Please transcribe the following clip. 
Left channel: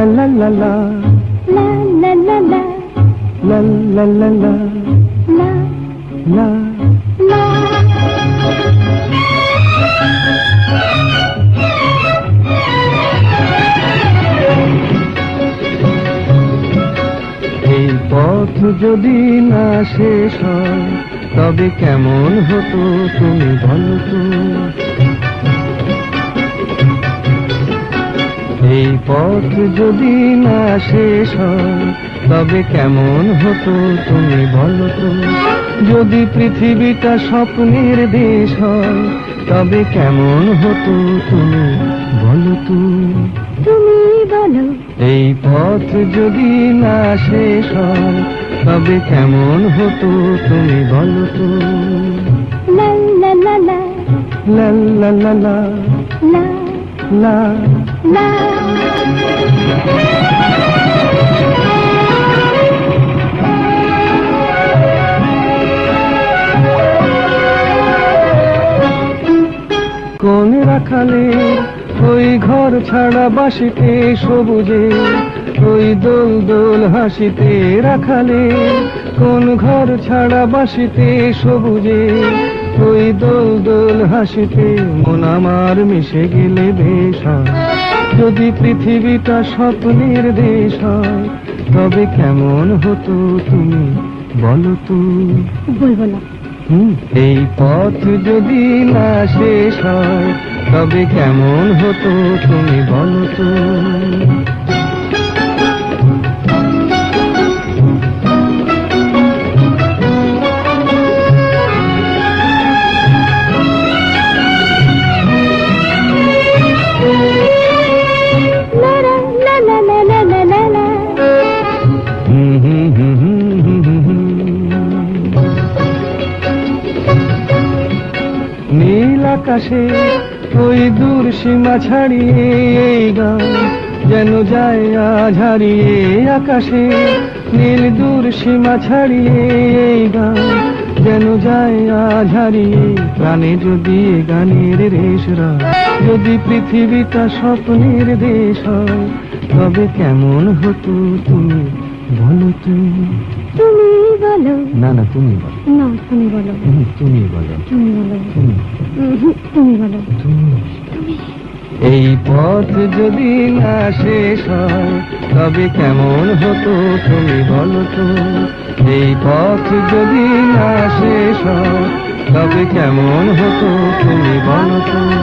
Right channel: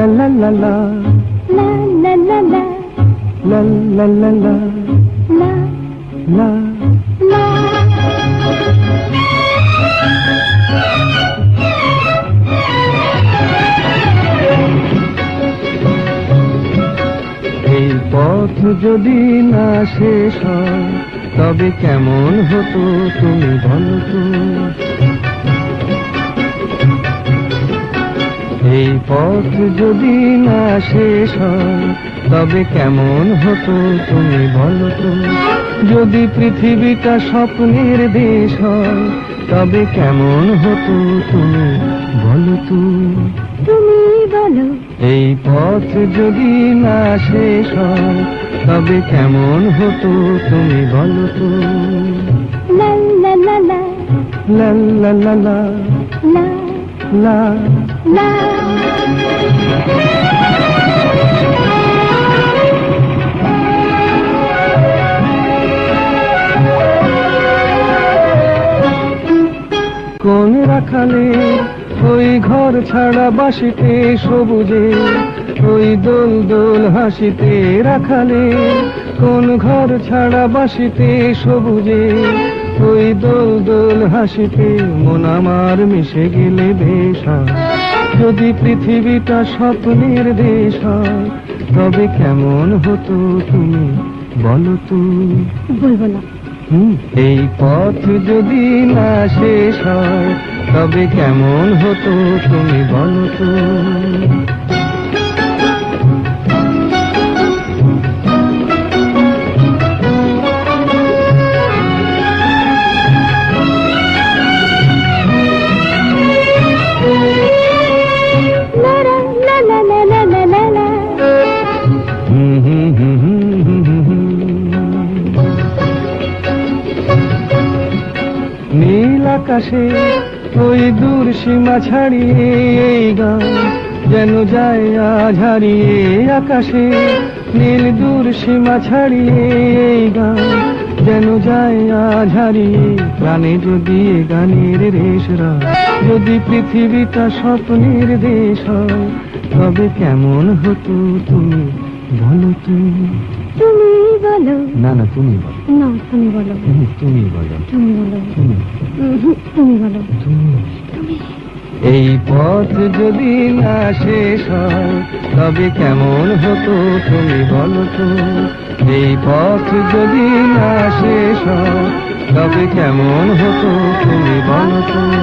la la la la la la la la la la la la la এই পথ যদি না শেষ হয় তবে কেমন হতো তুমি বলো তো। এই পথ যদি না শেষ হয় তবে কেমন হতো তুমি বলো তো। যদি পৃথিবীটা স্বপ্নের দেশ হয় তবে কেমন হতো তুমি বলো তো। তুমি বলো এই পথ যদি না শেষ হয় তবে কেমন হতো তুমি বলো তো। la la la la লা লা লা লা la লা la কোন রাখালে ওই ঘর ছাড়া বাসিতে সবুজে ওই দোল দোল হাসিতে রাখালে কোন ঘর ছাড়া বাসিতে সবুজে ওই দোল দোল হাসিতে মন আমার মিশে গেলে বেশ হয়। যদি পৃথিবীটা স্বপ্নের দেশ হয় তবে কেমন হতো তুমি বলো তো। বলবো না এই পথ যদি না শেষ হয় তবে কেমন হতো তুমি বলো তো। নীল আকাশে ওই দূর সীমা ছাড়িয়ে এই গান যেন যায় আজ হারিয়ে। আকাশে নীল দূর সীমা ছাড়িয়ে এই গান যেন যায় আজ হারিয়ে। গানে যদি গানের রেশরা যদি পৃথিবীটা স্বপ্নের দেশ হয় তবে কেমন হতো তুমি বলো তো। তুমি বলো না না তুমি বলো। না তুমি বলো তুমি বলো তুমি বলো তুমি তুমি বলো এই পথ যদি না শেষ হয় তবে কেমন হতো তুমি বলো তো। এই পথ যদি না শেষ হয় তবে কেমন হতো তুমি বলো তো।